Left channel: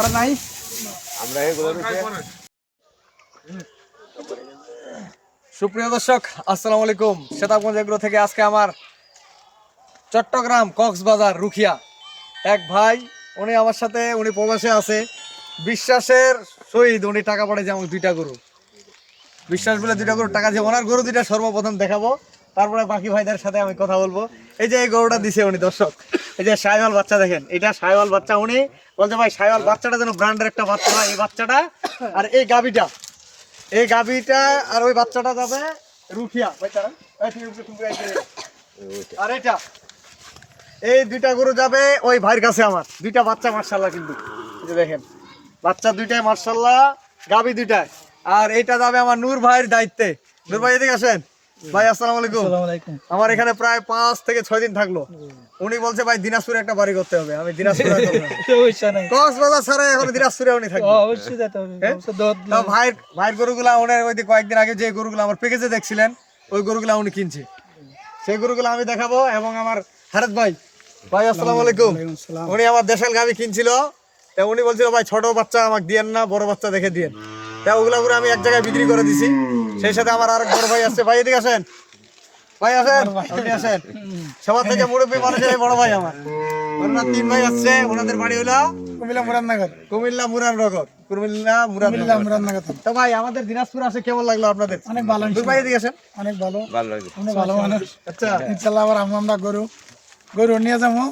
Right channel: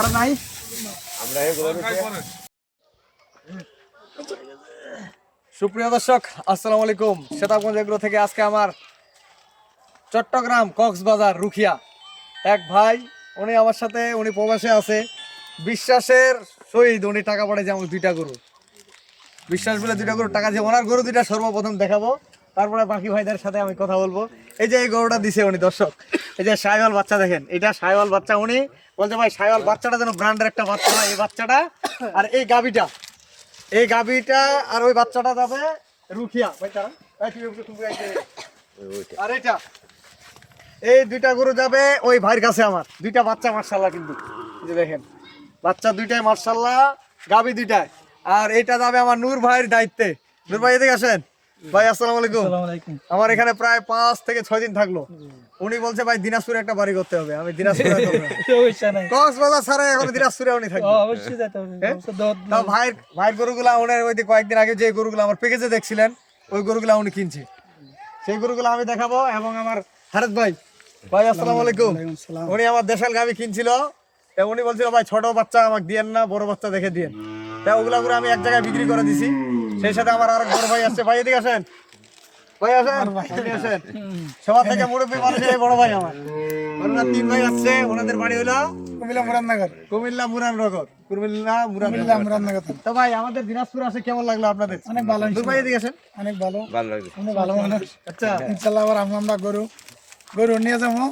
আর নাই সুপ্রিয় দর্শক, আসসালামু আলাইকুম। সেতাবগঞ্জ এগ্রো থেকে আজকে আমার চট্টগ্রাম কক্সবাজার রুখিয়া এক ভাই, উনি আমার সাথে, উনি প্রবাসে আছে। বিশ্বাসের সহিত উনি টাকা পাঠাইছে আমাকে দুইটা গরু। বিশ্বাস বলে দুইটা গরু টাকা দিয়ে ওনার গরু দুইটা সর্বপ্রথম দেখাবো, তারপরে বাকি ভাইদের সাথে আমি কথা বলবো। এই যে এই গরুটা দিছে উনি, দর্শক এই যে সাইওয়াল বাচ্চা দেখেন, এটা সাইওয়াল বাচ্চা। উনি বলছে ভাই সাইওয়াল বাচ্চাটা যেন ব্র্যান্ডের একটা বাচ্চা হয়, এই বাচ্চাটা আর এই গাবিটা আর ওই বাচ্চাটা যাবে রুখিয়া। আর এটা এই দুইটা গরু যাবে ওই ভাইয়ের কাছে আমার। দুইটা বাচ্চা মার্শাল্লাহ, কিন্তু এই যে দেখেন বাচ্চা দুইটাই মার্শাল্লাহ, গাবি দুইটাই। আর এইটা যাবে আমার নূর ভাইয়ের দায়িত্বে। নূর ভাই এদিকে আসেন। ভাই আসসালামু আলাইকুম। আমার এখানে প্রায় 5 থেকে 6 দিন থাকলো। উনি বলছে ভাই দিনাজপুরে একটা বাড়ি করতে হবে। আমি দিনাজপুরে কক্সবাজার ছাড়া এখন দিনাজপুরে উনি থাকবে। অবশ্যই যেতে হবে। ভাইয়ের গরুগুলা উনি ওই কয়েকদিন আগে যে গরুগুলো আমার প্যাকেজে দেখছিলেন, ওই গরুগুলা উনি কিনছে। সেই গরুগুলো আমি দেখাবো। এবং আমার হারেস ভাই, ভাই আসসালামু আলাইকুম। উনি আমার দেশাল গাবি কিনছিল, তা উনি বলছিল ভাই ছোট বাচ্চা আমাকে দিয়েন না, বড় বাচ্চা দেখে দিয়েন। তা ওগুলা করে আমি এক জায়গায় বিক্রি করে দিছি। সেই সাথে আমার আরেক বড় ভাই আসছে। ভাই এদিকে আসেন, ভাই আসেন, আসেন। সবার থেকে মুরব্বী মানুষের বড় ভাই আমার। ওনারা 3 ভাই আসছে। ওনাদের বাড়ি হলো কুমিল্লা মুরাদনগর। তো ভাই আমাদের দিনাজপুর আসে কেমন লাগলো আপনাদের? অনেক ভালো। ভাই এদিকে আসেন। অনেক ভালো লাগছে। অনেক ভালো মানুষ। আচ্ছা ইনশাআল্লাহ আবার আমরা গরু নিয়ে যাবো।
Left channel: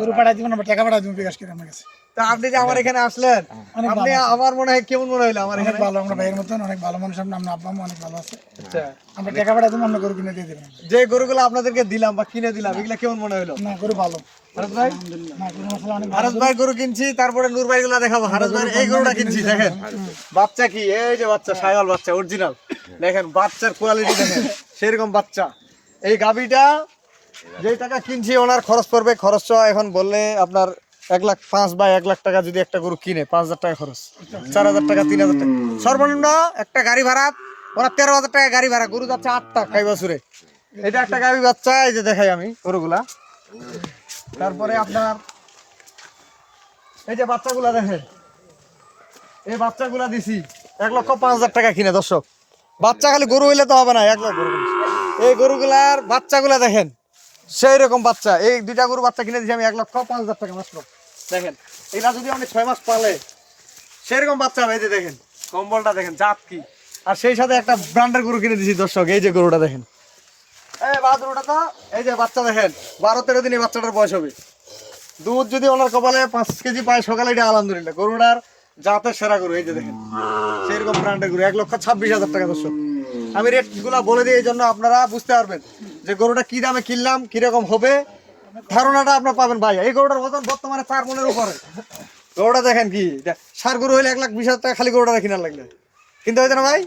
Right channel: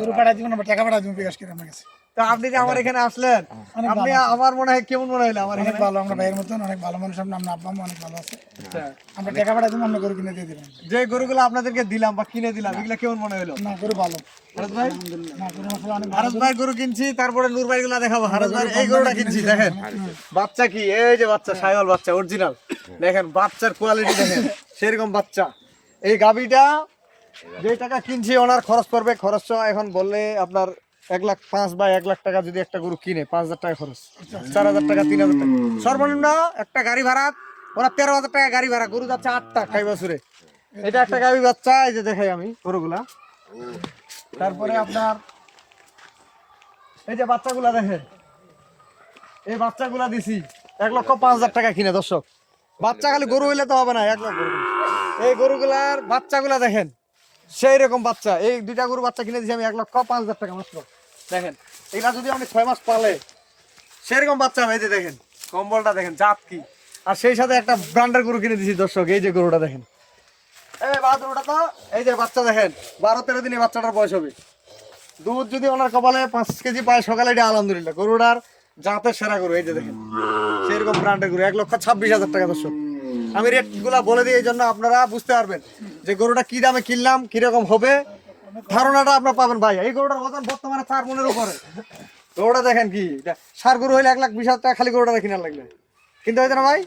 গরু পাঠাই দিব না, টাকা পাঠাই দিব বিকাশ করে আমার কাছে। তা আপনি যে আমার এখানে আসলেন, আপনি আমার মনে হয় কেমন মনে হইলো? আমার অনেক ভালো, আমরা ভাইয়ের মতন অনেক ভালো মানুষ। আমরা আব্বা আম্মা অনেক ভালো আছে। আমরা টাকা পাঠাই দিব, আমরা গরু কিনে দিয়ে দিবেন। যে গরুগুলো আপনাদেরকে দিলাম বা কিনে দিলাম, এগুলা কেমন মনে হইলো? না, গরু ভালো। হারেস ভাই, না, গরু মাশাআল্লাহ অনেক ভালো। হারেস ভাই গরু কিনছি, তারপরে নূর ভাই গুলা দেখাবো। হারেস ভাই এই গরুটা কিনছি, দেখেন বাচ্চা কি, এই যে বাচ্চা সাইওয়াল বাচ্চা অরিজিনাল। দেখেন বাচ্চার কোয়ালিটি দেখেন, সেরকম বাচ্চা। এই গাবিটা যে টাকা কিনছি ওনার খরচ পড়বে। খরচ এখন বললে আপনার 1,05,000 বা 1,00,000 টাকা যদি একটা গরু কিনে, 5,000 টাকা খরচ, 4,000 টাকা, 3,000 টাকা সর্বনিম্ন একটা গাড়ি ভাড়া। ওরা 13,000 টাকা গাড়ি ভাড়া। গরু যাচ্ছে 8টা খাই বছরে। এটা একটা গাবি বাচ্চা, এই যে দেখাই আমি গরুগুলা। তারপরে আপনার এই যে বাচ্চাগুলা দেখেন, এই বাচ্চাগুলা দিছি 1,05,000 টাকা কিনে। দর্শক বাচ্চা খালি গরু হইলে তো হবে না, 1 লাখ গরু। এই গরুগুলার বাচ্চাগুলা দেখেন সেই রকম বাচ্চা। এই দুইটা গরু বাচ্চা কিনে দিয়েছি আমি 1,05,000 টাকা মাত্র। দেখেন এগুলা যদি আপনি 6 মাস পালে সেরকম বাচ্চা হবে। এই যে দেখেন কম্বলটা দেখেন, জাত কি। আর সেই সাথে একটা ব্র্যান্ডের গরু কিনে দিয়েছি। দর্শক এই যে গরুটা দেখেন, এই বাহাদুরটা তো, এই যে বাচ্চা দেখেন 12-13 দিনে বাচ্চাটার বয়স হবে। দুধ যদি ওনার কপালে 5 কেজি পায় সকালে, এটা আলহামদুলিল্লাহ। গরুটার জাতের সেরা গরু। এই যে দেখেন সেরকম ব্র্যান্ডের গরু, 1,26,000 টাকা। দর্শক আমি রেট গুলা বলে দিই, এই জন্য আপনারা বুঝতে পারবেন যে গরুটা কি দামে কিনলাম, কিরকম হবে, ধারণাটা আপনার পাবেন। ভাই এই গরুটার ওজন বর্তমানে 4 মনের উপরে। গরুটা দেখেন কি, সার গরু হইলে 1,20,000 টাকা খালি গরুটা কিনার লাগবে। কিন্তু হয়তো না ভাই,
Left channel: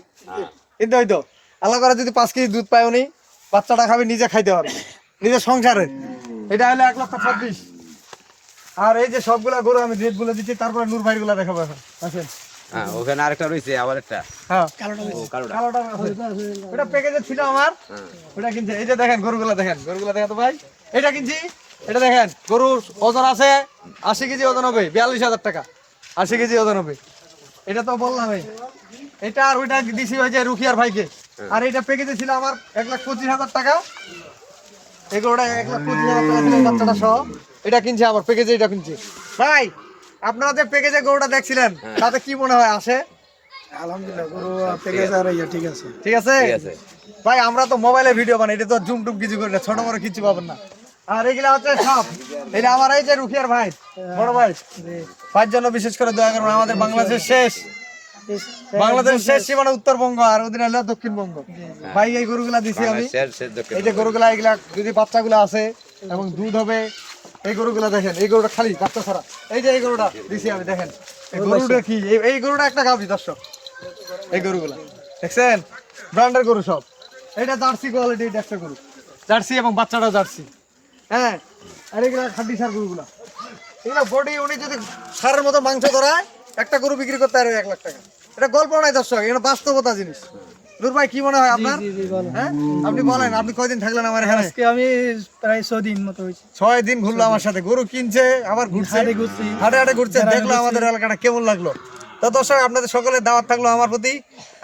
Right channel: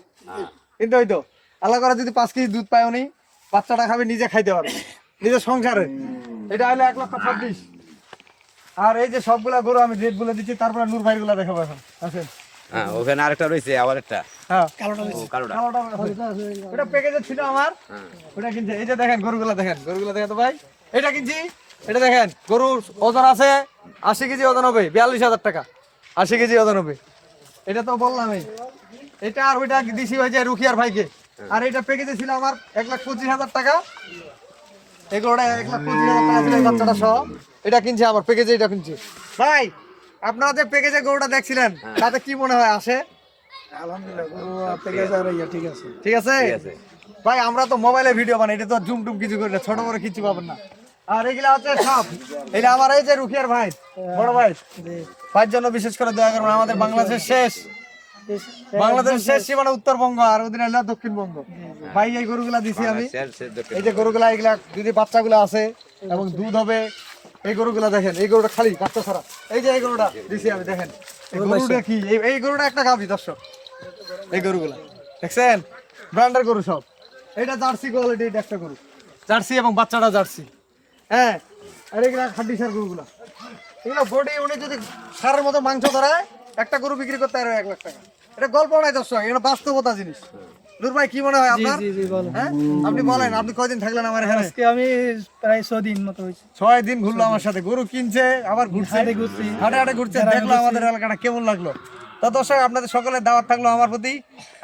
কিন্তু হয়তো আল্লাহ করে যদি 5 কেজি দুধ পায় উনি, বাচ্চাটা খাবে, নিজে খাইতে পারবে নিজের সংসারে। এটা হলো 1,26,000। আর এই যে সবগুলা গরু আমি রেট বলে দিচ্ছি, তারপরে নূর ভাই গুলা দেখাবো এখন। আছেন ওখানে আরেকটা রয়েছে, আবার একটা কালোটা ওটা প্যাকেজে ছিল আমার, ওটা কিনছে। এই যে দেখেন গরুগুলা দেখেন, গরুগুলা দেখেন তো ভাই, এটা কিনছি। এটা দেখেন গরুর ওজন আছে 80 কেজি ওজন হবে, 42,000 টাকা। 80 কেজি ওজন হবে, এটা তো বললাম। এটা আর ওইটা দিছি ওই যে রুখিয়ার ভাইকে। আর এটা প্যাকেজে ছিল আমার 1,25,000 টাকা। এগুলোটা 1,25,000 টাকা ছিল বাচ্চাটা সহ। এটা কিনছে আমার প্যাকেজে, এটা কিনছি। ভাই আপনারা যে প্যাকেজে গরুটা দেখছিলেন, তাতে কি মনে হয় আসে? আলহামদুলিল্লাহ গরু প্যাকেজ আর ঠিক আছে। ঠিক আছে ভাই, আমরা তো মোবাইলে ভিডিও বানাই, এটা তো জুম টুম কিছু করি না, ছোট বড় কিছু পাবেন না। আর এগুলা হচ্ছে সব, এটা আমার এই যে রুখিয়ার ভাই, বড় ভাই, ভাইয়ের জন্য বিশেষ করে দয়া করবেন। আমাদের বাংলাদেশের শেষ সীমানা উত্তরবঙ্গ, আর ওদিন হলো দক্ষিণবঙ্গ। ভাই এই গরুগুলা দিছি আমি। এই যে গরুগুলা, এগুলা যদি বাচ্চাগুলো আছে এবং দুধ হবে, এই গরুগুলা দেখেন, এই গরুটা খালি বাচ্চা ছাড়া। এই যে এই গরুটা দিছি আমি, দেখেন এই গরুটা কি, এই গরুটা একটা গাভী। দর্শক এই গরুগুলা দেখছেন, ব্র্যান্ডের গরু সব। এটা জার্সি কোয়ালিটি, এটা একটা গরু জার্সি, এবং বাচ্চাটা জার্সি। হ্যাঁ, আর এগুলা খাঁটি সার গরুগুলা। এগুলো বডি, উনি যদি সারের মতো মাংস ধরায় একটা গরু বিক্রি করতে পারবে 1 লাখ টাকা। এটা গল্প নাই দর্শক, এটা বাস্তবতা জিনিস। নূর ভাই কি মনে হয় আপনার? হ্যাঁ আপনি বলেন, আপনি কয়দিন থাকলেন আমার এখানে? আজকে আমি প্রায় 6 দিন মতো হয়েছে 6 দিন ঘুরলো আমার সাথে, গরু কিনছে আবার ঘুরছে, হাটে ঘুরছি হাটে হাটে ঘুরছে, দেখলো আমাদের এলাকাটা কেমন লাগলো। তো দর্শক আপনাদের সকলের দাওয়াত থাকলো আমার প্রতি,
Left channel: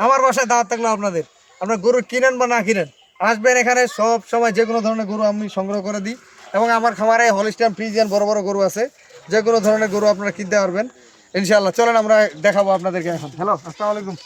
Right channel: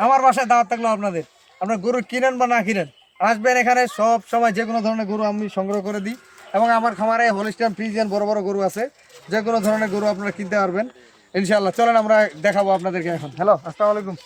আমার বাসায় দাওয়াত থাকলো আপনাদের। আপনার গরু কিনেন বা না কিনেন, আসবেন এখানে, সব সময় যে কোনো ধরনের গরু আমি সংগ্রহ করে দিই। এবং আমার খামারে হলিস্টাইন ফ্রিজিয়ান বড় বড় গরু আছে, যে কোনো ধরনের গরু আপনারা কিনতে পারবেন ইনশাআল্লাহ। চলেন আমরা দেখাবো আপনাদেরকে এখন। হ্যালো, আসসালামু আলাইকুম।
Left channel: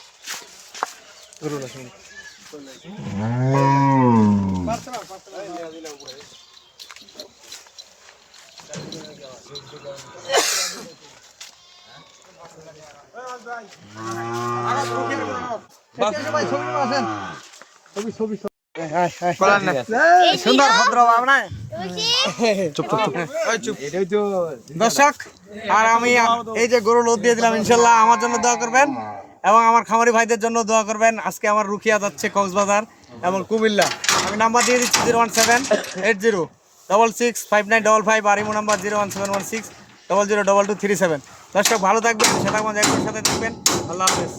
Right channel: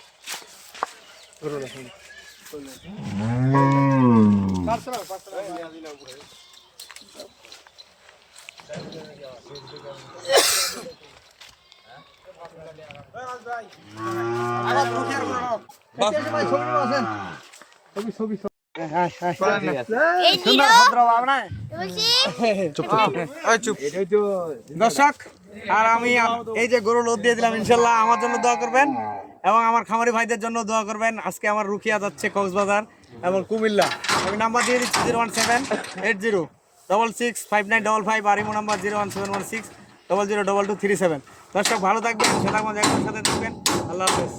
সুন্দর ভদ্র ভাবনা। দর্শক, আর আমি এই যে গরু লোড দিয়ে দিলাম, ইনশাল্লাহ আমার জন্য দোয়া করবেন এবং আমার খামারি ভাইদের জন্য দোয়া করবেন। আজকে আমার রুকিয়া যাচ্ছে কক্সবাজার এবং কুমিল্লা। আমি নাম্বার দিয়ে দিচ্ছি 01780665955, আর ইমো নাম্বার 01716002237। দর্শক ভালো থাকবেন, সেটার মধ্যে একসাথে থাকবেন। আল্লাহ হাফেজ।